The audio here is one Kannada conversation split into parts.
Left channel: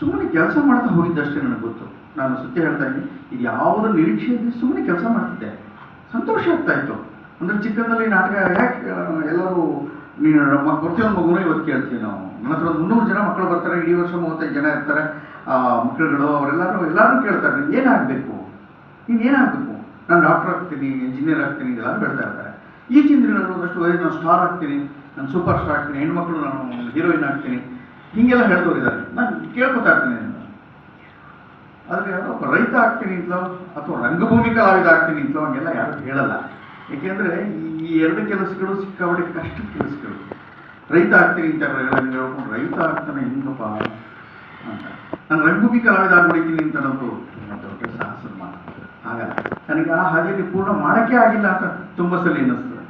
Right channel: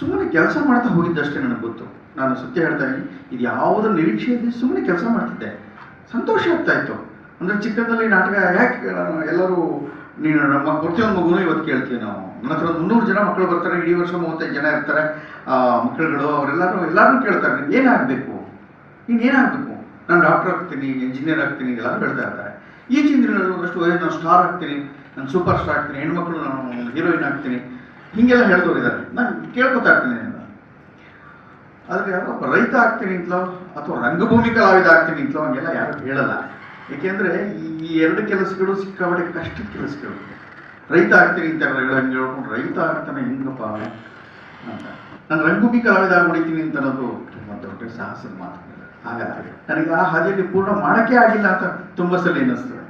ಸುಮ್ಮನೆ ಕೆಲಸ ಮಾಡ್ತಾ ಹೋಗಿದ್ದಷ್ಟೇ ನನಗೆ ಗೊತ್ತು. ನಾನು ಸತ್ಯ ಹೇಳ್ತಾ ಇದ್ದೀನಿ, ಇದು ಯಾವುದೋ ನಿರೀಕ್ಷೆ ಇದ್ದು ಸುಮ್ಮನೆ ಕೆಲಸ ಮಾಡ್ತಿದ್ದೆ, ಸಂತೋಷ ಆಗ್ತಾ ಇತ್ತು. ಅಂದರೆ ಚಿಕ್ಕಂದಲ್ಲಿ ನಾಟಕ ಯಾಕೆ ಎಲ್ಲರೂ ನೀನು ನಮ್ಮ ಪ್ರತಿಯೊಂದು ಮಗುನೂ ಇವತ್ತು ಕೇಳ್ತೀವಿ ನಾವು. ನನ್ನ ಹತ್ರ 300 ಜನ ಮಕ್ಕಳು ಬರ್ತಾರೆ, ಇಡೀ ವರ್ಷ 35 ಜನ ಇರ್ತಾರೆ ಮಕ್ಕಳುಗಳು. ಎಲ್ಲರೂ ಕೇಳ್ತಾರೆ ನೀನು ಏನಾಗಬೇಕು, ನೀನು ಏನಾಗಬೇಕು. ನಾನು ಡಾಕ್ಟರ್ ಆಗ್ತೀನಿ, ಇಂಜಿನಿಯರ್ ಆಗ್ತೀನಿ ಎಲ್ಲರೂ ಹೇಳ್ತಾ ಇರ್ತಾರೆ. ಈಚಿನ ದಿನಗಳಲ್ಲಿ ಒಂದಷ್ಟು ನಾನು ಸ್ಟಾರ್ ಆಗ್ತೀನಿ, ನಾನು ಸೂಪರ್ ಸ್ಟಾರ್ ಆಗ್ತೀನಿ, ಹೆಣ್ಮಕ್ಳು ನಾನು ಹೀರೋಯಿನ್ ಆಗ್ತೀನಿ, ಹೀಗೆಲ್ಲ ಹೇಳ್ದೋಗಿದ್ದಾರೆ. ನಾನು ಕೇಳ್ಕೊತಾ ಇರ್ತೀನಿ. ಆದರೆ ಯಾರೋ ಒಬ್ಬ ರೈತ ಆಗ್ತೀನಿ ಅಂತಲೋ ಅಥವಾ ರಂಗಭೂಮಿ ಕಲಾವಿದ ಆಗ್ತೀನಿ ಅಂತಲೋ ಹಂಗೆಲ್ಲ ಯಾರು ಹೇಳಲ್ಲ. ಏಕೆಂದರೆ ಈ ಎರಡು ಕೆಲಸಗಳು ಸಿಕ್ಕಾಪಟ್ಟೆ ಕಷ್ಟದ ಕೆಲಸಗಳು. ರೈತ ಆಗ್ತೀನಿ ಅಂತ ಹೇಳ್ಕೊಂಡು ರೈತ ಆಗ್ತಾನೆ ಹೆಂಗಪ್ಪ ಅಂತ. ನಾನು ರಂಗಭೂಮಿ ಕಲಾವಿದ ಆಗ್ಬಿಡ್ತೀನಿ ಅಂತ ಅನ್ನೋದು ತುಂಬ ದೊಡ್ಡ ಸಾಹಸದ ಮಾತು. ಆಗಲ್ಲ, ನನಗೆ ಆ ಹಾದಿಯಲ್ಲಿ ಪೂರ್ಣ ಮಾಡೋಕ್ಕೆ ಆಗಿಲ್ಲ ಅಂತ ತುಂಬ ಸಲ ಅನ್ನಿಸ್ತದೆ.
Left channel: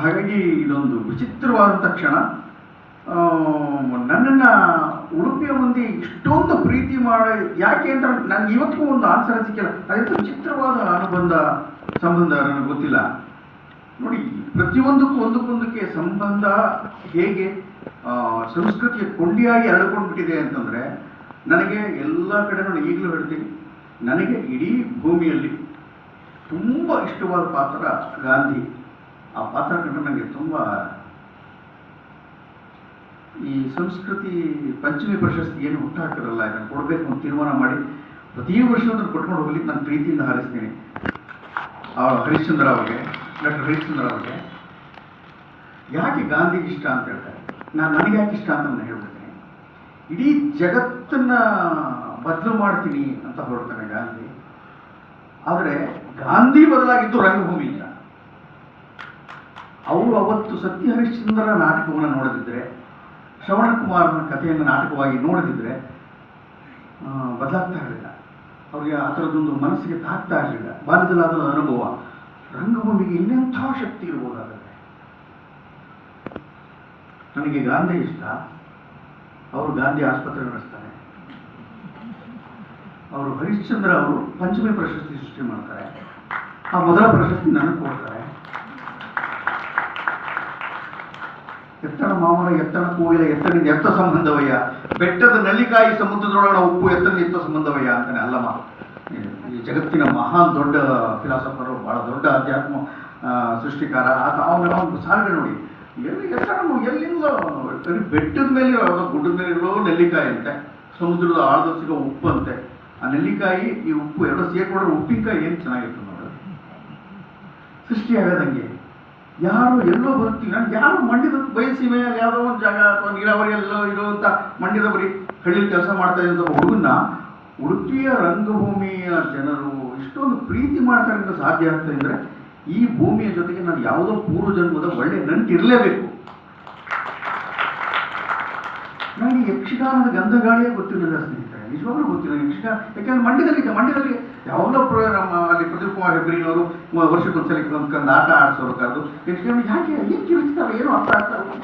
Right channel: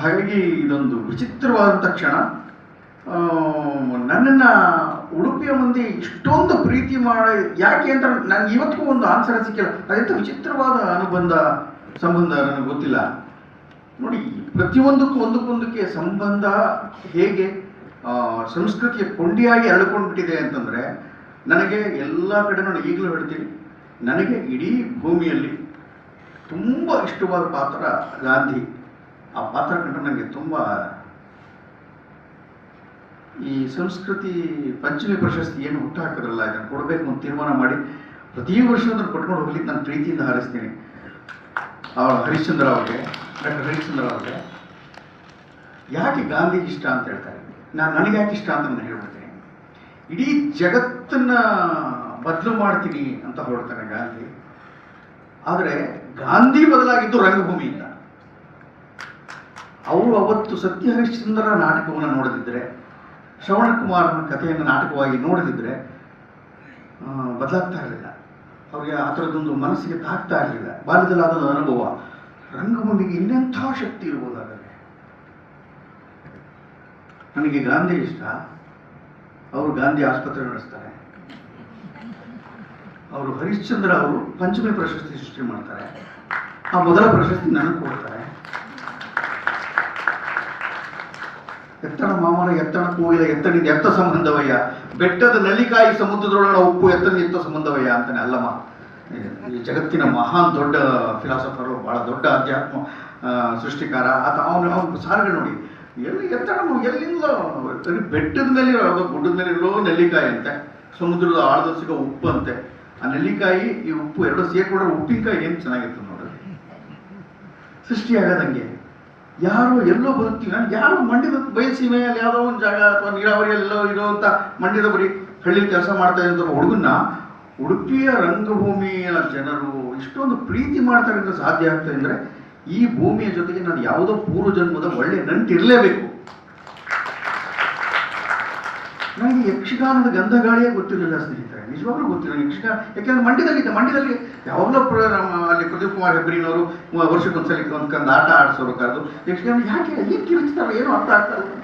ಹಾಗಾಗಿ ಇದೊಂದು ವಿಚಿತ್ರವಾದಂಥ ಕ್ಷಣ. ನನ್ನನ್ನು ಉಡುಪಿಯ ಮಂದಿ ಇಷ್ಟೊಂದು ಪ್ರೀತಿ ಮಾಡಿ ಯಾಕೆ ಅಂತ ನನಗೆ ಇವತ್ತಿಗೂ ಒಂದು ಆನ್ಸರ್ ಸಿಕ್ಕಿಲ್ಲ. ಅದೆಂಥ ವಿಚಿತ್ರವಾದ ಸಂಬಂಧ ನನಗೆ ಗೊತ್ತಿಲ್ಲ. ನೋಡಿ, ಪ್ರತಿಯೊಂದಕ್ಕೂ ಒಂದಕ್ಕೊಂದಕ್ಕೆ ಸಂಬಂಧ ಹೇಗೆ ಸಂಸ್ಕೃತಿಯ ಕೊಂಡಿಯಾಗಿ ಹರಡ್ಕೊಂಡ್ಬಿಟ್ಟಿದೆ ಅಂತಂದರೆ, ನನಗೆ ಎಲ್ಲ ಕಡೆ ನಾನು ಈಗಲೂ ಹೇಳ್ತೀನಿ, ನನಗೆ ಇಡೀ ಭೂಮಿಯಲ್ಲಿ ತುಂಬ ಇಷ್ಟವಾದ ಪಾತ್ರ ಗಾಂಧಿ. ಆ ಪಾತ್ರ ಕಂಡು ನನಗೆ ತುಂಬ ಈ ಸಂಸ್ಕೃತಿ ಪಂಚಮಿ ಪ್ರಶಸ್ತಿ ಏನು ಹುಟ್ಟಾಕಿರಲ್ಲ, ಇದನ್ನು ಕೊಡಬೇಕು ಅಂತ ತೀರ್ಮಾನ ಮಾಡಿ ಪ್ರತಿ ವರ್ಷ ಅದನ್ನು ಕೊಟ್ಕೊಂಡು ಹೋಗ್ಲಿಕ್ಕೆ ನಾನು ಪ್ರೀತಿಯಿಂದ ಹಾರಿಸ್ತೀನಿ. ಹರಿಶ್ಚಂದ್ರ ಅವ್ರಿಗೆ, ಡಾಕ್ಟರ್ ಹರಿಶ್ಚಂದ್ರ ಅವ್ರಿಗೆ ಯಾಕೆ ಗಾಂಧಿಗೆ ಇಷ್ಟ ಅಂತ ಹೇಳ್ತಾರೆ, ನನಗೆ ಯಾಕೆ ಇಷ್ಟ ಅಂತ ನಾನು ಹೇಳ್ಬಿಡ್ತೀನಿ. ಇಡೀ ಜಗತ್ತನ್ನು ಬದಲು ಮಾಡ್ತೀನಿ ಅಂತ ಹೊರಡ್ತಾನೆ ಗಾಂಧಿ. ಆದರೆ ಗಾಂಧಿ ಬದಲಾಗಿದ್ದು ರಂಗಭೂಮಿಯಿಂದ. ಅವರು ಅವತ್ತು ಸತ್ಯ ಹರಿಶ್ಚಂದ್ರ ನಾಟಕವನ್ನು ನೋಡದಿದ್ದರೆ, ಶ್ರವಣ ಕುಮಾರನ ಕಥೆಯನ್ನು ನಾಟಕವಾಗಿ ನೋಡದಿದ್ದರೆ ಬದಲಾಗ್ತಾ ಇರಲಿಲ್ಲ. ಅವ್ರಿಗೆ ಆ ಥರದ್ದೊಂದು ಮನಸ್ಸಿಗೆ ತಾಗ್ತಾ ಇರಲಿಲ್ಲ. ಬಾಲ್ಯದಲ್ಲಾದ ಅನುಭವ ರಂಗಭೂಮಿಗೆ ಇನ್ನೆಂಥ ಶಕ್ತಿ ಇರ್ಬೋದಾಗತ್ತೆ. ನನಗೆ ಗಾಂಧಿ ಇಷ್ಟ. ಅವರು ಗಾಂಧಿ ಆಸ್ಪತ್ರೆ ನಡೆಸ್ತಾರೆ. ಅವರು ಹರಿಶ್ಚಂದ್ರ ಅವರು ಪಂಚಮಿ ಪ್ರಶಸ್ತಿ ಸೃಷ್ಟಿ ಮಾಡ್ತಾರೆ. ಆ ಮೊದಲ ಪ್ರಶಸ್ತಿ ನನಗೆ ಕೊಡ್ತಾರೆ. ಎತ್ತಣ ಮಾಮನ ಎತ್ತಣ ಕೂಗಿದ ಎತ್ತನಿಂದ ಎತ್ತ ಸಂಬಂಧವಯ್ಯ, ಬೆಟ್ಟದ ನಲ್ಲಿಕಾಯಿ ಸಮುದ್ರದೊಳನ ಉಪ್ಪು ಎತ್ತನ ಎತ್ತ ಸಂಬಂಧವಯ್ಯ ಅಂತಾನೆ ಅಲ್ಲಮ್ಮ. ಈ ಜಗತ್ತಿನ ಮಹಾನ್ ದೊಡ್ಡ ಫಿಲಾಸಫರು, ಬಹಳ ದೊಡ್ಡ ಅಧ್ಯಾತ್ಮ ಸೃಷ್ಟಿಕಾರ ಆತ. ಅವನು ಸಾರಿಗೆ ನೋಡಿ, ಎತ್ತಣ ಎಲ್ಲಿಂದಲೋ ಬೆಟ್ಟದ ಮೇಲೆ ಯಾವುದೋ ಗುಡ್ಡದ ಮೇಲೆ ಇರೋ ನೆಲ್ಲಿಕಾಯಿ ಅಂತೆ, ಸಮುದ್ರದ ಆಳದ ಸಿಗೋ ಉಪ್ಪು ಅಂತೆ. ಆ ನೆಲ್ಲಿಕಾಯಿ ಈ ಉಪ್ಪು ಎರಡು ಸೇರ್ಕೊಂಡ್ರೆ ಉಪ್ಪಿನಕಾಯಿ ಏನು ಚೆನ್ನಾಗಿತ್ತು ನೋಡ್ರಿ. ಸೃಷ್ಟಿಯಾಗದಂಗೆ ಯಾರೋ ಎಲ್ಲೋ ಬದುಕ್ತೀವಿ. ನಾನು ಯಾರೋ ಮಂಡ್ಯದ ಬಯಸಿನ ಯಾವುದೋ ಒಂದು ಜಾಗ ಅಥವಾ ನೀರಾವರಿ ಎಲ್ಲೋ ಇರುವಂಥ ಮಂಡ್ಯದ ಬರೀ ಹಳ್ಳಿಲಿ ಕೆಲಸ ಮಾಡ್ತಾ ಇದ್ದಂಥ ಹುಡುಗನ್ನ ಉಡುಪಿಯ ರಂಗಭೂಮಿಯ ಜನರು ಇಷ್ಟೊಂದು ಪ್ರೀತಿ ಮಾಡ್ತಾರೆ ಅಂತ ಸಾಧ್ಯ ಆಗ್ತದೆ ಅಂದರೆ, ಈ ಭೂಮಿಯ ಜೊತೆಗೆ ನಾನು ಯಾವುದೋ ಪೂರ್ವ ಜನ್ಮದ ಒಳ್ಳೆ ನಂಟಿರಲೇಬೇಕು. ನನಗೆ ಯಕ್ಷಗಾನದ ಗಂಧಗಾಳಿಯೇ ಗೊತ್ತಿರಲಿಲ್ಲ ಸ್ನೇಹಿತರೆ, ನಿಜವಾಗ್ಲೂ ಗೊತ್ತಿಲ್ಲ ಯಕ್ಷಗಾನ. ಯಾಕೆಂದ್ರೆ ಮಂಡ್ಯದಲ್ಲಿ ಯಾವಾಗಲೂ ನಮ್ಮ ಅಲ್ಲಿ ಪ್ರದೀಪ್ ಕುಮಾರ್ ಹೆಬ್ರಿನವರು ವರ್ಷಕ್ಕೊಂದ್ಸಲ ಒಂದು ಆಟ ಆಡಿಸೋರು ಕರೆದು ಯಕ್ಷಗಾನ ಯಾಕೆ ಎಲ್ಲಿ ಕಿರಿಸ್ತಾರೆ ಏನೋ ಅರ್ಥ ಆಗ್ತಾ ಇಲ್ಲ.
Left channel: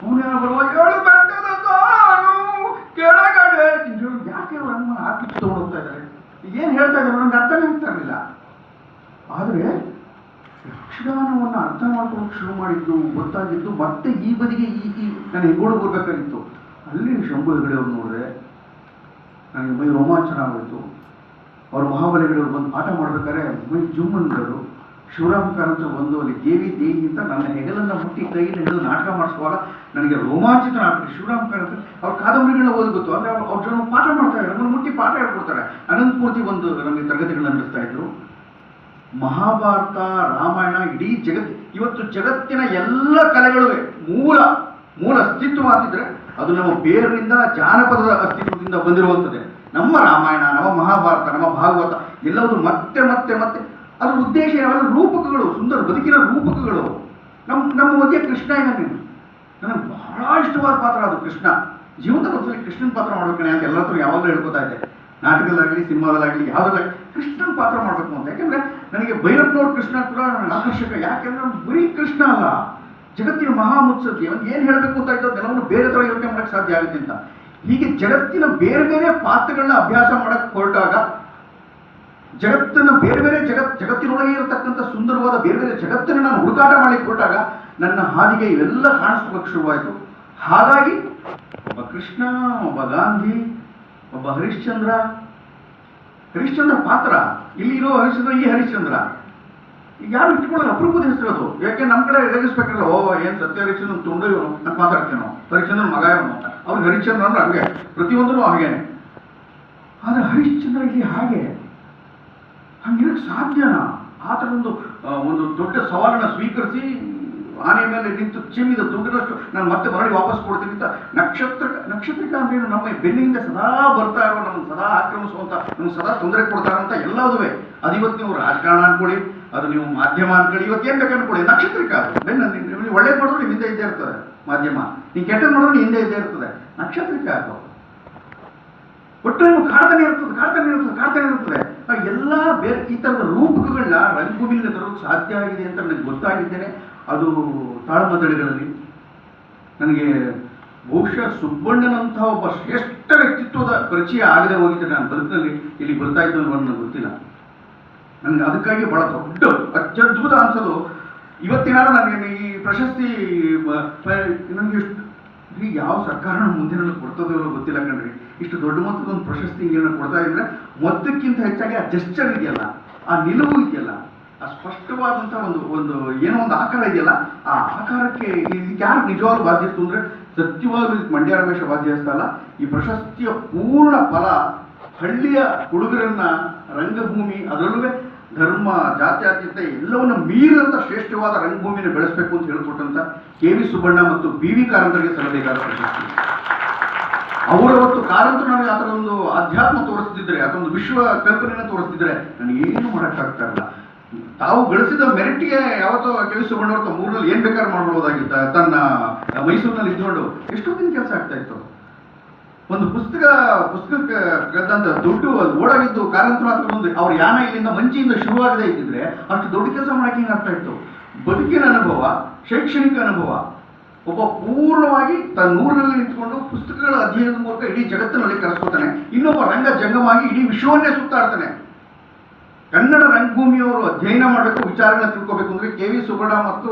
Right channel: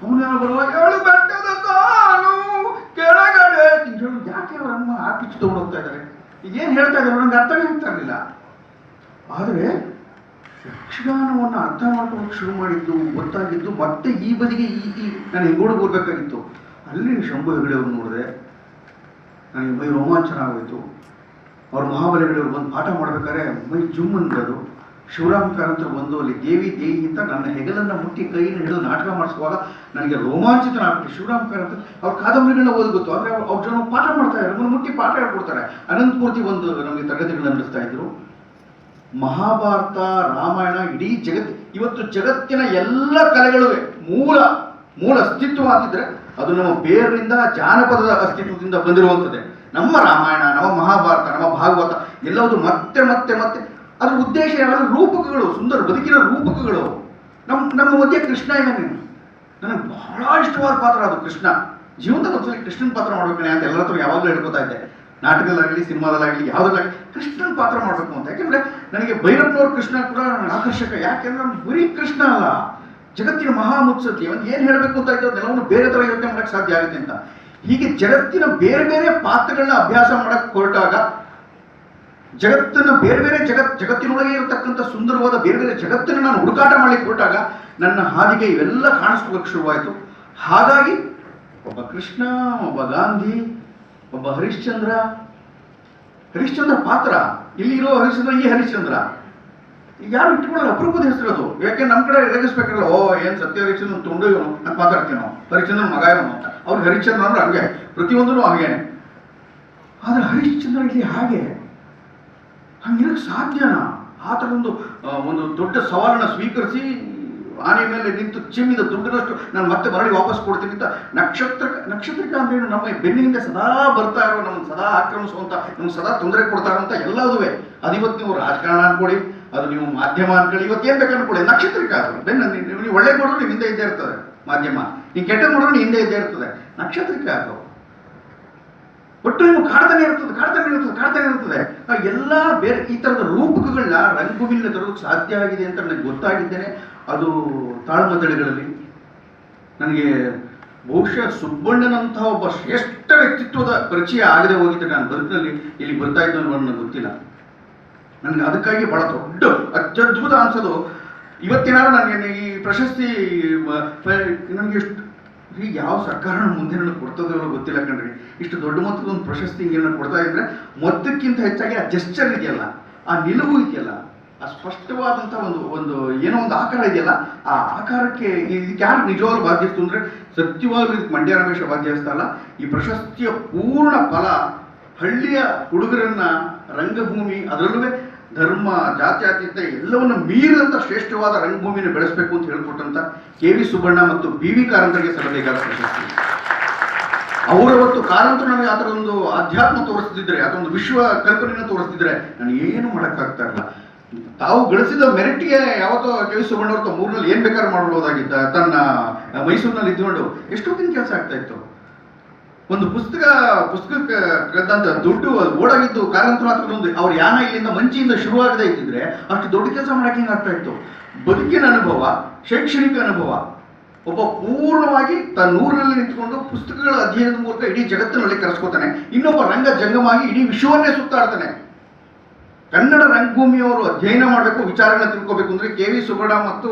ಅವನು ಬರುವ 7 ಬೆಟ್ಟದ ಕಾನು ಕೆಳಗಡೆ ಯಾಕೆ ಅವರಮ್ಮ ಆಪಿಟ್ಟು ತಗೊಂಡು ಹೋಗ್ತಾ ಇದ್ದಾರೆ, ಇದೇನು ಹೇಳ್ತಾ ಇದ್ದಾರೆ ನನಗೆ ಅರ್ಥನೇ ಆಗ್ತಾ ಇರಲಿಲ್ಲ. ಆದರೆ ಯಕ್ಷಗಾನವನ್ನು ಅರ್ಥ ಮಾಡ್ಕೊಳ್ಳೋಕೆ ಶುರು ಮಾಡಿದ್ದು, ಗೊತ್ತಾಗಿದ್ದು ಮತ್ತೆ ಈ ಬದಿಗೆ ನಾನು ಹೆಂಗೋಡು ಬರ್ಬೇಕಾಗಿತ್ತು. ಅಲ್ಲಿ ಶಂಭು ಹೆಗಡೆ ಅವ್ರು ನೋಡಿದೆ, ನನಗೆ ಮೈ ರೋಮಾಂಚನ ಆಗೋಯಿತು. ಅವ್ರು ಮಹಾಬಲಿಗಳವರು ಬಂದು ಪಾಠ ಮಾಡ್ಬೇಕಾದ್ರೆ ಮೈ ಜುಮ್ ಅಂದರು. ಶಿವರಾಮ್ ಕಾರಂತರು ಬಂದು ಅಲ್ಲಿ ದೇವಿ ಅಂತ ನನ್ನ ಹೆಗಲನ್ನು ಮುಟ್ಟಿ ಕೈಯನ್ನು ಹಿಡಿದು ನಾಟಕ ಮಾಡಿಸುವಾಗ ನನಗೆ ರೋಮಾಂಚಿತ ಆಗ್ಬಿಟ್ಟು. ಶಿವರಾಮ್ ಕಾರಂತ ಅವ್ರ ಕಾದಂಬರಿಗಳನ್ನ ಓದ್ಬೇಕು, ಅಂದರೆ ಅವ್ರ ಜನ ಪಾಠ ಮಾಡ್ತಾ ಇದ್ದಾರೆ, ನಮ್ಮನ್ನು ಮುಟ್ಟಿ ಪಾಠ ಹೇಳ್ಕೊಡ್ತಾರೆ. ಅನಂತಮೂರ್ತಿ ಒಂದು ನಮಗೆ ತರಗತಿಗಳನ್ನು ನಡೆಸ್ತಾ ಇದ್ರು. ಮಹಾಭಾರತ, ರಾಮಾಯಣ, ಇಡೀ ಇವತ್ತು ಜಗತ್ತಿನ ಎಲ್ಲ ಕಲೆಗಳಿಗೆ ಮೂಲ ಅಸ್ತಿತ್ವ ಅಂತಿದ್ರೆ ಅದು ನಮ್ಮ ಬೇರಿನಿಂದ ಜಾನಪದದ ಅಸ್ತಿತ್ವದಿಂದ ಬಂದಿರುವಂಥದ್ದೇ. ನಮ್ಮ ರಾಮಾಯಣ, ನಮ್ಮ ಮಹಾಭಾರತ, ನಮ್ಮ ಭಾಗವತ ಎಲ್ಲವುದು ಮತ್ತೆ ಮತ್ತೆ ಮತ್ತೆ ಅದ್ರ ಉದ್ದೇಶ ಯಾವಾಗ ರೂಪಕಗಳು, ಸುಂದರ ಬದುಕಿನ ರೂಪಕಗಳು. ನಮ್ಮ ಮಧ್ಯೆ ಕೃಷ್ಣ ಇದ್ದಾನೆ. ನನಗೆ ಬಹಳ ಇಷ್ಟವಾದ ಪಾತ್ರ ಅದು ಕೃಷ್ಣ. ಜೀವನದಲ್ಲಿ ಒಂದ್ಸಲಿ ಕೃಷ್ಣನ ಪಾತ್ರ ಮಾಡ್ಬೇಕೇ ಅಂತ ಎಲ್ಲರ ಹತ್ರ ಯಾವಾಗಲೂ ಹೇಳ್ಕೊತಾ ಇದ್ದೆ. ನಾಟಕದಲ್ಲಾಗಲಿ ಸಿನಿಮಾದಲ್ಲಾಗಲಿ ಯಾವುದಾಗಲಿ ಕೃಷ್ಣನ ಪಾತ್ರ ಮಾಡಬೇಕು ಅಂತ. ಯಾಕೆಂದರೆ ನನಗೆ ಭೈರಪ್ಪನವ್ರ ಕೃಷ್ಣ ಕೂಡ ನನಗೆ ಆಕರ್ಷಕ. ಯಾಕೆಂದರೆ ನಾನು ಬರೀ ಕೃಷ್ಣ ಅಲ್ಲ, ಜಗತ್ತಿನ ಮಹಾಮುತ್ಸತಿ ಒಂದು ಏನು ಹೇಳಬೇಕು ಅಂತ ಇದ್ದೋ ಎಲ್ಲವನ್ನು ಬೇರೆ ಥರ ಯೋಚನೆ ಮಾಡೋಕ್ಕೆ ಸಾಧ್ಯ ಆಗುತ್ತೆ ಅಂತ. ಹೀಗೆ ಜಗತ್ತಿನ ಬೇರೆ ಬೇರೆ ಪಾತ್ರಗಳನ್ನ ಅಭ್ಯಾಸ ಮಾಡೋಕ್ಕೆ ಹೊರಟಾಗ, ಜಗತ್ತನ್ನು ಬೇರೆ ಬೇರೆ ಜಗತ್ತಿನೊಳಗೆ ಇರತಕ್ಕಂಥ ಸುಂದರವಾದ ಬೇರೆ ಬೇರೆ ಜಗತ್ತನ್ನು ನಾನು ಹುಡುಕಾಟ ಮಾಡಲಿಕ್ಕೆ ಹೊರಟಾಗ ನನ್ನ ಹಾದಿಗೆ ಇವೆಲ್ಲ ಕಾಣಿಸ್ಕೊಳ್ಳೋಕೆ ಶುರುವಾಯಿತು. ಹಾಗಾಗಿ ಒಬ್ಬ ಒಬ್ಬ ಕೃಷ್ಣ, ಒಬ್ಬ ಗಾಂಧಿ, ಒಬ್ಬ ಹರಿಶ್ಚಂದ್ರ ಪಾತ್ರ. ಇಲ್ಲಿ ಇರೋ ಹರಿಶ್ಚಂದ್ರ ಈ ಹರಿಶ್ಚಂದ್ರ ಯಾರು ಇಟ್ಕೊಳ್ಳೋದು ಅಪರೂಪದ ಹೆಸರು ಅದು. ಯಾಕೆ ನಮ್ಮ ಕಡೆ ರೇಗಿಸ್ಬೇಕಲ್ಲ, ಓ ಏನ್ ಸತ್ಯ ಹರಿಶ್ಚಂದ್ರ ತುಂಡು ಇವನು ಅಂತ ಮಾತಾಡ್ತೀವಿ ನಾವು, ಹರಿಶ್ಚಂದ್ರನ ಮಗ ಇವನು ಅಂತ. ಅವ್ರಿಗೆ ಹರಿಶ್ಚಂದ್ರ ಅಂದ್ರೆ ಹಂಗೆ, ಪ್ರತಿಯೊಂದೂ ಹಾಗೇನೆ. ಆದ್ರೆ ಹರಿಶ್ಚಂದ್ರ ಇಲ್ಲಿ ಹಾಗೆ ಹಂಗಿರಕ್ಕೆ ಸಾಧ್ಯನಾ? ಆ ಥರದೊಂದು ಒಂದು ದೊಡ್ಡ ಸವಾಲನ್ನ ಸ್ವೀಕರಿಸಿ ಆನೆ ಮೇಲೆ ನಿಂತು ಚಿಮ್ಮಿದ ದುಡ್ಡಿನಷ್ಟು ನಾನು ಮತ್ತೆ ಮರಳಿ ವಾಪಸ್ ಕೊಡ್ತೀನಿ ಅಂತ. ನಕ್ಷತ್ರಿಕ ಅಂದ್ರೆ ನಮ್ಮ ಬೆನ್ನಿಂದ ಸದಾ ಬರ್ತಾ ಇರೋ, ನಮ್ಮನ್ನು ಸದಾ ಆಕ್ರಮಿಸುವಂತ, ನಮ್ಗೆ ಸದಾ ತೊಂದರೆ ಕೊಡ್ತಾ ಇರೋಂಥ ಎಲ್ಲದುವೆ. ಅದು ಇವತ್ತು ನೀವು ರಾಜಕಾರಣ ಅನ್ಕೊಳ್ಳಿ, ಅದು ನೀವು ಮಾಧ್ಯಮ ಅನ್ಕೊಳ್ಳಿ, ಇವತ್ತು ಏನ್ ಬೇಕು ಅನ್ಕೊಳ್ಳಿ, ನಕ್ಷತ್ರಿಕ ಅದು ಬೆನ್ನ. ನೀವು ಒಳ್ಳೆ ನೋಡಿದ್ರೆ ನೀವು ಹಿಂದೆ ಇದ್ದೇ ಇರ್ತದೆ ಮಾಧ್ಯಮ, ನೀವು ಕೆಟ್ಟ ನೋಡಿದ್ರೆ ನೀವು ಹಿಂದೆ ಇದ್ದೇ ಇರ್ತದೆ ನಕ್ಷತ್ರಿಕ ಅದು. ಒಟ್ಟು ನೀವು ಕಾಡ್ತಾನೆ ಇರ್ತದೆ. ಎಲ್ಲ ಬೇರೆ ಈ ಥರದ ರೂಪಕಗಳನ್ನ ರಂಗಭೂಮಿಯಲ್ಲಿ ತರೋಕ್ಕೆ ಸಾಧ್ಯ ಆಗಿದೆ ಅಂತ ನನಗೆ ಗೊತ್ತಾಗಿದ್ದೇನೆ. ಅದು ತಾಳಮದ್ದಳೆಗಳಲ್ಲಿ ನನಗೆ ಬಹುಶಃ ಸುಬ್ಬಣ್ಣನಂತಹ ಒಬ್ಬ ಶ್ರೇಷ್ಠ ವ್ಯಕ್ತಿತ್ವದ ಪರಿಚಯ ಆಗದೆ ಹೋಗಿದ್ದರೆ ನಾನು ಬದುಕಿನಲ್ಲಿ ಇಲ್ಲಿ ಬರ್ತಾ ಇದ್ದು ನನಗೆ ಗೊತ್ತಿಲ್ಲ. ನನಗೆ ಅದಕ್ಕಾಗಿ ಬಹಳ ದೊಡ್ಡ ಅತ್ಯದ್ಭುತ ಅನ್ಸೋದು ಇವತ್ತೇನಾದ್ರು ನನಗೆ ಈ ಪ್ರಶಸ್ತಿ ನನಗೆ ಎಷ್ಟು ಈಗ ಯಾವ ಸರ್ಕಾರ ಮುಂದೆ ಕೊಡ್ತದೋ ಗೊತ್ತಿಲ್ಲ ಕಣ್ರಿ. ಇಷ್ಟು ದೊಡ್ಡ ಮೊತ್ತದ ಒಂದು ಪ್ರಶಸ್ತಿ ಹಿಂಗೇನೋ ಕೊಡ್ತಾ ಇದ್ರೆ ಮೊತ್ತಕ್ಕಿಂತ ಹೆಚ್ಚಾಗಿ ಆ ಜೆಸ್ಚರ್ ಇದೆಯಲ್ಲ, ಆ ನಿಲುವು ಇದೆಯಲ್ಲ, ಆ ಸ್ಪಷ್ಟವಾದಂಥ ಒಂದು ಏನೋ ಒಂದು ಆಕಾರ ಇದೆಯಲ್ಲ, ಆ ಆಕಾರಕ್ಕೆ ಇದಕ್ಕೆ ಯಾರು ನಿಜವಾಗ್ಲೂ ಬಾಧ್ಯಸ್ತು ಅಂದರೆ ಸತ್ಯವಾಗ್ಲೂ ಇದಕ್ಕೆ ಮಂಡ್ಯ ರಮೇಶ ಬಾಧ್ಯಸ್ತ ಅಲ್ಲ. ಈ ಪ್ರಶಸ್ತಿಯ ಪೂರ್ಣ ಫಲ ಹಳ್ಳಿಯ ಹುಡುಗರನ್ನ ರಂಗಭೂಮಿ, ಅದರಲ್ಲೂ ಧರ್ಮ ಜಾತ್ಯತೀತ ಎಲ್ಲವನ್ನು ಮೀರಿದಂಥ ಶ್ರೇಷ್ಠವಾದ ರಂಗಭೂಮಿಯನ್ನು ಬೆಳೆಸಬೇಕು ಅಂತ ಹೇಳ್ಕೊಟ್ಟಂತ ಕೆ.ವಿ. ಸುಬ್ಬಣ್ಣ ಮತ್ತು ಬಿ.ವಿ. ಕಾರಂತರಿಗೆ ಸಲ್ಲಬೇಕಾದ ಪ್ರಶಸ್ತಿ. ಅವರವತ್ತು ಕಾರಂತರು ನನಗೆ ಆ ಥರ ಒಂದು ಅಧ್ಯಾತ್ಮ ತೋರಿಸ್ತಿದ್ರೆ, ಅದೊಂದು ವಿಶ್ವ ಕಲ್ಪನೆಯನ್ನು ತೋರಿಸ್ತಿದ್ರೆ ನನಗೇನು ಮಾಡೋಕ್ಕಾಗ್ತಾ ಇಲ್ಲ. ತಾವು ಗಳಿಸಿದ ಮೆರಿಟ್ಗೆ ಯಾವತ್ತೋ ಕೆ.ವಿ. ಸುಬ್ಬಣ್ಣವ್ರ ಮೂರಲ್ಲಿ ಏನ್ ಬೇಕಾದ್ರೂ ಮಾಡ್ಬೋದಾಗಿದ್ದ. ತನ್ನ ಮೈಸೂರಿನಲ್ಲಿ ಇದ್ಕೊಂಡು ಎಷ್ಟೊತ್ತಿನ ಕೆಲಸ ಆಗ್ತಾ ಇತ್ತು. ಒಂದು ಪುಸ್ತಕಕ್ಕೆ ಕದ್ದಂತ ದುಡ್ಡು ಓಡಾಗಿದ್ದು ಕಾರಂತರ ಹತ್ರ ಒಂದು ಅವ್ರ ಯಾನ ಇಲ್ಲಿಂದ ಮಂಚಿಯಿಂದ ಶುರುವಾಗದೇ ಇದ್ದಿದ್ರೆ ಅಷ್ಟು ದೊಡ್ಡ ಕೆಲಸ ಮಾಡಕ್ಕೆ ಹಿಂಗಾಗ್ತಾ ಇತ್ತು. ಬದುಕಿನ ಅನುಭವ, ಶೈಕ್ಷಣಿಕ ಅನುಭವ, ಒಬ್ಬ ಪೂರ್ಣವಾಗಿ ತನ್ನ ಊರಿನಲ್ಲಿ ನಿಂತ್ಕೊಂಡು ಪುಸ್ತಕಗಳ ಅಧ್ಯಯನದ ಮೂಲಕ ಇಡೀ ಜಗತ್ತಿನಲ್ಲಿ ಕರೆಸ್ಕೊತಾನೆ. ಇನ್ನೊಬ್ಬ ರಂಗ ಜಂಗಮಾಗಿ ಇಡೀ ವಿಶ್ವವನ್ನೇ ಸುತ್ತಾಡ್ತಾನೆ. ಕನ್ನಡ ರಂಗಭೂಮಿಯವರು ಅಧ್ಯಯನ ಮಾಡಬೇಕು, ವಿಚಾರಗಳನ್ನ ತಿಳ್ಕೋಬೇಕು ಅಂದ್ರೆ ಕೆ.ವಿ. ಸುಬ್ಬಣ್ಣ ಮತ್ತು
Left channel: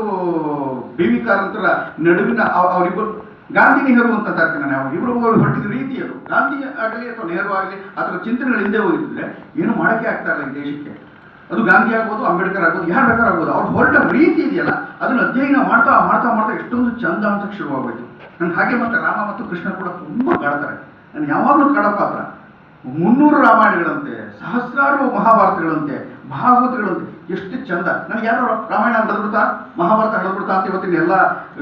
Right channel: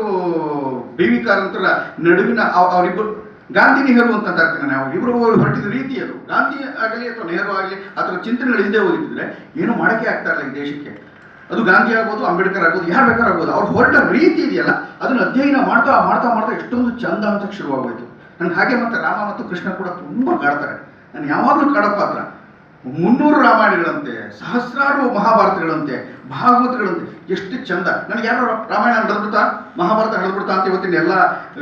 ಬಿ.ವಿ. ಕಾರಂತರ ನಡುವಿನ ಅವರಿಬ್ಬರು ಗಾಂಧಿ ನೆಹರು ಅಂತ ಅಂತಾಗ್ತೇನೆ ನಾವು. ಇಬ್ಬರು ಹೊರಟಿದ ರೀತಿ ಅದು. ಗಾಂಧಿ ಆಗಲಿ ಅಥವಾ ನೆಹರು ಆಗಲಿ ಅದರ ಚಿಂತನೆಗಳು ಹಿಂದೆ ಹೋಗಿದ್ರೆ ಏನು ಮಾಡಕ್ಕೆ ಆಗ್ತಾ ಇಲ್ಲ ಈ ದೇಶಕ್ಕೆ. ಅದು ಗಾಂಧಿ ಆಗ್ಬೋದು, ಅಂಬೇಡ್ಕರ್ ಆಗ್ಬೋದು, ಯಾರು ಬೇಕಾರಾಗ್ಬೋದು. ಅವ್ರು ಹೊರಟ ರೀತಿ ಇದೆಯಲ್ಲ ಅದನ್ನು ಅಧ್ಯಯನ ಮಾಡ್ತಾ ಮಾಡ್ತಾ ಮಾಡ್ತಾ ಎಷ್ಟೊಂದು ಚಂದ ಅಂತ ಶುರುವಾಗೋಯ್ತು. ನನ್ಗೆ ಹಾಗೆ ಮತ್ತೆ ರಾಮ ಮತ್ತು ಕೃಷ್ಣ ಕೂಡ ತುಂಬ ಕಾಡ್ತಾರೆ. ನಾನು ಯಾವಾಗಲೂ ಕಾಡೋ ಪಾತ್ರ. 300 ರಾಮಾಯಣಗಳಂತೆ, ಸಹಸ್ರಾರು ಮಹಾಭಾರತಗಳಂತೆ, ಭಾಗವತಗಳಂತೆ, ಎಷ್ಟು ಚಂದ. ನನಗೆ ಯಾರು ರಾಮಾಯಣ ನಡೆದ್ಬಿಡ್ತಾ, ಮಹಾಭಾರತ ನಡೆದ್ಬಿಡ್ತಾ ಅಂತ ಇವತ್ತಿನ ಎಲ್ಲ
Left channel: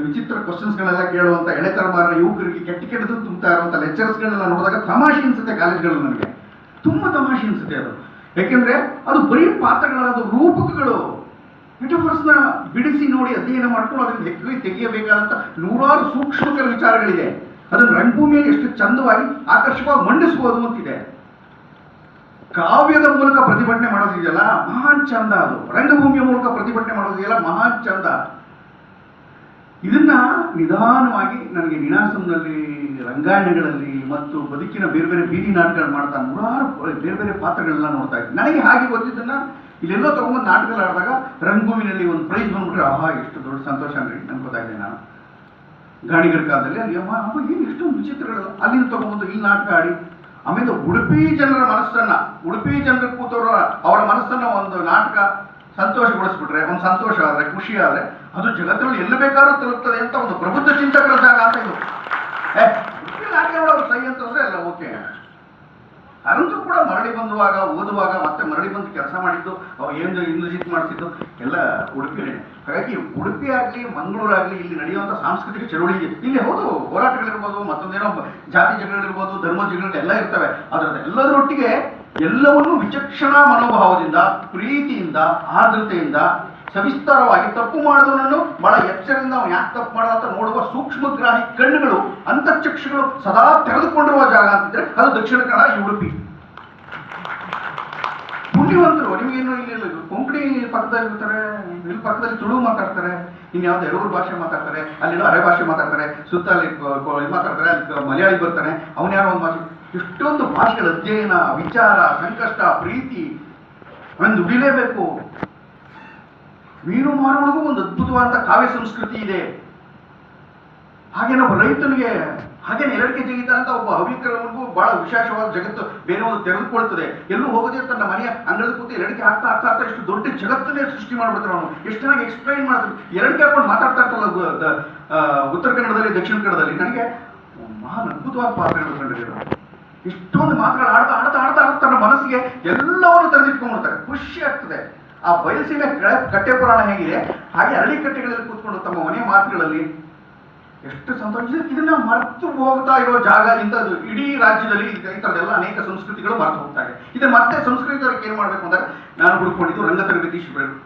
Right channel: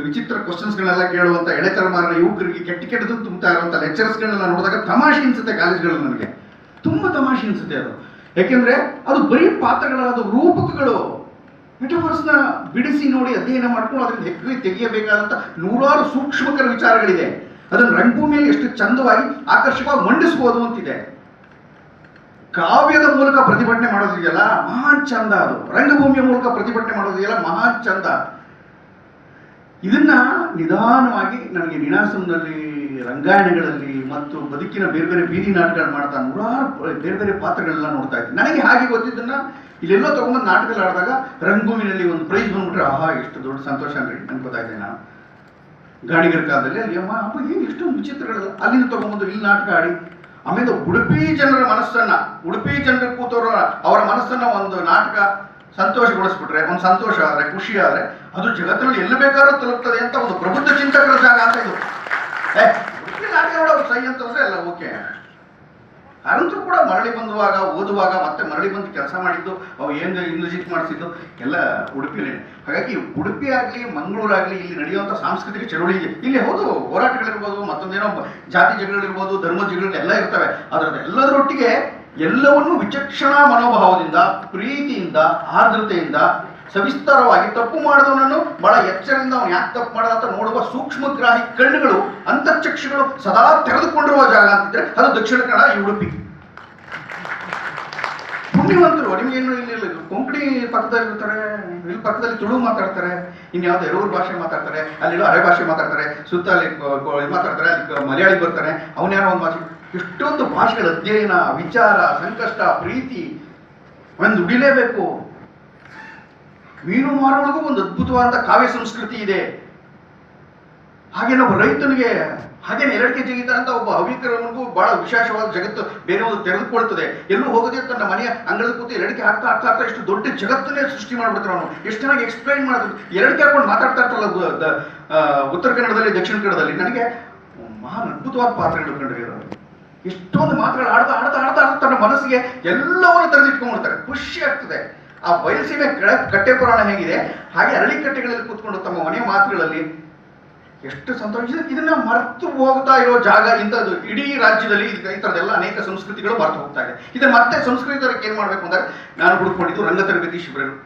ವಿಚಿತ್ರ ಕ್ವಶನ್ಸ್ಗಳೆಲ್ಲ ಕೇಳುವಂಥ ಎಳೆ ತಲೆಮಾರಿನ ಯುವಕರಿಗೆ ಕೆಟ್ಟದ್ದು ತುಂಬ್ತಾ ಇರುವಂಥ ಲೆಕ್ಚರ್ಸ್ಗಳನ್ನೆಲ್ಲ ನೋಡಿದಾಗ ತಮಾಷೆ ಅನಿಸುತ್ತೆ. ಕಾಲೇಜ್ಗಳು ನನಗೆ ತುಂಬ ತಮಾಷೆ ಅನಿಸುತ್ತೆ ಅದು. ಯಾಕೆಂದ್ರೆ ಅದು ಬರೀ ಪಾತ್ರಗಳಲ್ಲ, ಅದು ರೂಪಕಗಳು. ಮೆಟಫರ್ಸ್ನ ಬಿಡಿಸಿ ನೋಡಿ ಅಧ್ಯಯನ ಮಾಡ್ಕೊಂಡು ಅದರಿಂದ ಹೆಗ್ಗೈ ತೆಗೆಯಬೇಕಾದಂಥ ನೂರಾರು ಸೂಕ್ಷ್ಮಕರ ವಿಚಾರಗಳಿದೆ. ಅದನ್ನು ರಂಗಭೂಮಿಯಲ್ಲಿ ಎಷ್ಟು ಚಂದವಾಗಿ ಆಕರ್ಷಕವಾಗಿ ಮಂಡಿಸಬಹುದು ಅಂತಿದೆ. ಕಾವ್ಯದ ಮೂಲಕ ಪ್ರತಿಭಟನೆ ಮಾಡೋದಿದೆಯಲ್ಲ ಮಹಾನ್ ಚಂದ. ಅದು ರಂಗಭೂಮಿಯ ಮೂಲಕ ಪ್ರತಿಭಟನೆ ಮಾಡೋದಿದೆಯಲ್ಲ ಮಹಾನ್ ಚಂದ. ಇದನ್ನ ನಿಧಾನವಾಗಿ ನನಗೆ ನಿನಾಸಂನಲ್ಲಿ, ರಂಗಾಯಣಗಳಲ್ಲಿ ಮತ್ತು ಬದುಕಿನ ಬೇರೆ ಬೇರೆ ಬೀದಿ ನಾಟಕಗಳು ಮಾಡ್ತಾ ನೂರಾರು ಬೇರೆ ಬೇರೆ ಪಾತ್ರಗಳೆಲ್ಲ ನೋಡ್ತಾ ಇದ್ದೆ. ನನಗೆ ಹಾಗೆ ಗೊತ್ತಿದ್ದನ್ನ ಇಲ್ಲೆಲ್ಲೋ ತಗೊಂಬಂದು ನಾಟಕಗಳು ಆಡಿದಾಗ ರಂಗಭೂಮಿನಲ್ಲಿ ಒಂದು ಪ್ರೈಸ್ ಬಂದ್ಬಿಟ್ರೆ ಆಹಾ ಎಷ್ಟು ದೊಡ್ಡ ಸಂತೋಷ ಅಂದ್ರೆ ಅನ್ಕೋತಾ ಇದ್ದೆ ನಾನು. ಗಾಣಿಗರ ಕಾಲದಲ್ಲಿ ಅಲ್ಲಿ ಅಪ್ಪ ಏನು ಎಷ್ಟೊಂದು ವಿಚಿತ್ರಗಳೆಲ್ಲ ಅಲ್ಲಿಂದ ತಗೊಂಬಂದು ಇಲ್ಲಿ ನಾಟಕ ಆಡಿ, ಆಮೇಲೆ ಉಡುಪಿ ಜನರ ಮನಸ್ಸನ್ನ, ಉಡುಪಿ ಜನರ ಕೂತವರ ಅವರ ಮನಸ್ಸನ್ನ ಒಂದು ನಾಟಕ ಸಂತೋಷಗೊಳಿಸ್ಬಿಟ್ರೆ, ಒಂದು ಸಂತೋಷ ಆದ್ರೆ, ಖುಷಿ ಆದ್ರೆ ಅದು ಜಗತ್ತಿನಲ್ಲಿ ಎಲ್ಲಿ ಬೇಕಾದ್ರೂ ತಲುಪ್ತದೆ ಅಂತ ಒಂದು ಪ್ರಬುದ್ಧ ಚಿಂತಕರ ಜಾಗ ಅಂತ ಇದು. ನಾಟಕ ನೋಡೋರು ಸೈ ಅಂತಂದ್ರೆ ಎಲ್ಲ ಓಕೆ. ಕಾರಂತರು ಕೂಡ ಮರಳಿ ಬಂದುವಾಗ, ಓದುವಾಗ, ಮತ್ತೆ ಮರಳಿ ಬಂದು ಕೆಲಸ ಮಾಡಿದ್ದು, ಅವು ಏನು ಇಂದ್ರಜಿತ್ ಮಾಡಿಸಿದ್ದು ಎಲ್ಲ ಉಡುಪಿಯಲ್ಲೇ. ಹಾಗಾಗಿ ಉಡುಪಿ ಆಗಲಿ ಮಂಗಳೂರಾಗಲಿ ಇಲ್ಲಿ ನಡೆಯುವಂಥ ಸಾಂಸ್ಕೃತಿಕ ಚಳುವಳಿ ಇದೆ. ಇಲ್ಲಿ ಹೌದು ಹೋರಾಟಗಳಿರ್ಬೋದು, ಮತ್ತೊಂದೇನೋ ಜಾತಿ ಜಗಳಗಳಿರ್ಬೋದು, ಧರ್ಮ ಜಗಳಗಳು ಎಲ್ಲ ಇರ್ತವೆ. ಅದರ ಎಲ್ಲದರೊಟ್ಟಿಗೆ ಎಲ್ಲವನ್ನೂ ವಿಚಕ್ಷಣಾ ಮನೋಭಾವದಿಂದ, ಪ್ರೀತಿಯಿಂದ, ಆರ್ದ್ರತೆಯಿಂದ ಸವಿಸ್ತಾರವಾಗಿ ತಪ್ಪು ಮಾಡಿದವನನ್ನು ಬಹಳ ಎಚ್ಚರದಿಂದ ಅವನು ಯಾಕೆ ತಪ್ಪು ಮಾಡದ ಅಂತ ನೋಡುವ ಸೂಕ್ಷ್ಮಗ್ರಾಹಿ ಕಣ್ಣುಗಳು, ಅಂತಃಚಕ್ಷುಗಳು ಸದಾ ತೆರೆದುಕೊಂಡಿರುವ ಜಾಗ ಅಂತಿದ್ರೆ ಅದು ದಕ್ಷಿಣ ಕನ್ನಡ, ಈ ಉಡುಪಿ. ಪುಣ್ಯವಂತರು. ನಿಮಗೇನು ಇಲ್ಲಿ ಕೊಂಕಣಿ ಪಕ್ಕದಲ್ಲಿ ಇರ್ತಾರೆ, ಇಲ್ಲಿ ಪಕ್ಕದಲ್ಲಿ ತುಳು ಮಾತಾಡ್ತಾರೆ, ಇನ್ಯಾವುದೋ ಎರೂರು ಭಾಷೆ ಮಾತಾಡ್ತಾರೆ, ಅಲ್ಲಿ ಅರೆ ಭಾಷೆ ಮಾತಾಡ್ತಾರೆ, ಸುತ್ತ ಅಲ್ಲಿ ಮಾತಾಡ್ತಾರೆ, ಅಲ್ಲಿ ಮಲಯಾಳಿ ಬರ್ತಾನೆ, ಅವನ್ಯಾರೋ ಒಂದು ಭಾಷೆ. ಎಷ್ಟೊಂದು ಭಾಷೆಗಳ ಅಧ್ಯಯನ, ವಿಚಾರ, ಸಂಕಷ್ಟ, ಪ್ರೀತಿ ಒಂದು ದುಡಿಲೇಬೇಕು. ಮೀನು ಮಾರುವಳಿಗೂ ಒಂದು ಅದ್ಭುತವಾದ ಕಾವ್ಯ ಸಂಸ್ಕೃತಿ ಇದೆ. ಹಾಗೇನೆ ಒಬ್ಬ ರೈತನಿಗೆ ಹಾಗೇನೆ 2 ಕೆಜಿ ಅಂತ ಒಬ್ಬ ಹವ್ಯಕರನಿಗೂ ಬಹಳ ವಿಶೇಷವಾದ ಜಗತ್ತು ಬೇರೆ ಒಂದು ತೆರೆದುಕೊಳ್ತದೆ. ಎಲ್ಲೂ ಹೋಗದೆ ತನ್ನ ಮನೆಯ ಅಂಗಳದ ಕೂತು 2 ಕೆ ಹಾಕ್ತಾ ಹಾಕ್ತಾ ಹಾಕ್ತಾ ಇಷ್ಟು ದೊಡ್ಡ ಜಗತ್ತನ್ನೇ ಸೃಷ್ಟಿ ಮಾಡ್ಬಿಡ್ತಾರೆ. ಅವನು ಎಷ್ಟು ಚೆನ್ನಾಗಿ ಎಕ್ಸ್ಪ್ಲೈನ್ ಮಾಡ್ತಾರೆ. 2 ಕೆ ಹಾಕೊಂಡು ಮಾತಾಡ್ತಾ ಇರ್ತಲ್ಲ ಉತ್ತರ ಕನ್ನಡದಲ್ಲಿ ದಕ್ಷಿಣ ಕನ್ನಡದಲ್ಲಿ. ನನಗೆ ಮಹಾನ್ ಅದ್ಭುತವಾದ ಪಾತ್ರಗಳು ಕಂಡಿರೋದು. ಎಷ್ಟೊಂದು ಮಾತುಗಳು ಆಡ್ತಾ ಆಡ್ತಾ ಆಡ್ತಾ ಆಡ್ತಾ ತನ್ನ ಮನಸ್ಸಿಗೆ ಎಲ್ಲವನ್ನು ತೆರೆದಿಟ್ಕೊಂಡ್ಬಿಡ್ತಾರೆ. ಖುಷಿ ಆಗ್ತದೆ. ಆ ಬಯಲುಸೀಮೆ ಕಟ್ಟೆ ಪುರಾಣ ಹೇಗಿದೆ ಹಾಗೆ ಅರಳಿಕಟ್ಟೆಗಳಲ್ಲಿ ಕೂತ್ಕೊಂಡು ತಮ್ಮ ಮನೆಯ ಮಾತುಗಳಲ್ಲಿ ಎಷ್ಟು ಸಂತೋಷ. ಇದನ್ನ ಮರೆತು ಹೋಗ್ತಾ ಇರೋ ಜಾಗ ಇಂಥದ್ದು. ಇಡೀ ರಾಜ್ಯದಲ್ಲಿ ಈ ಥರದ್ದೆಲ್ಲ ಅನೇಕ ಸಂಸ್ಕೃತಿಗಳು ಮರೆತು ಹೋಗ್ತಾ ಇದೆ. ಇದನ್ನ ಮತ್ತೆ ಸಂಸ್ಕೃತಿ ಏನ್ ಮಾಡ್ಬೇಕು ಅಂದಾಗ ನಾನು ಹುಡುಕೊಂಡಿದ್ದು ರಂಗ ತರಬೇತಿ ಶಿಬಿರಗಳು.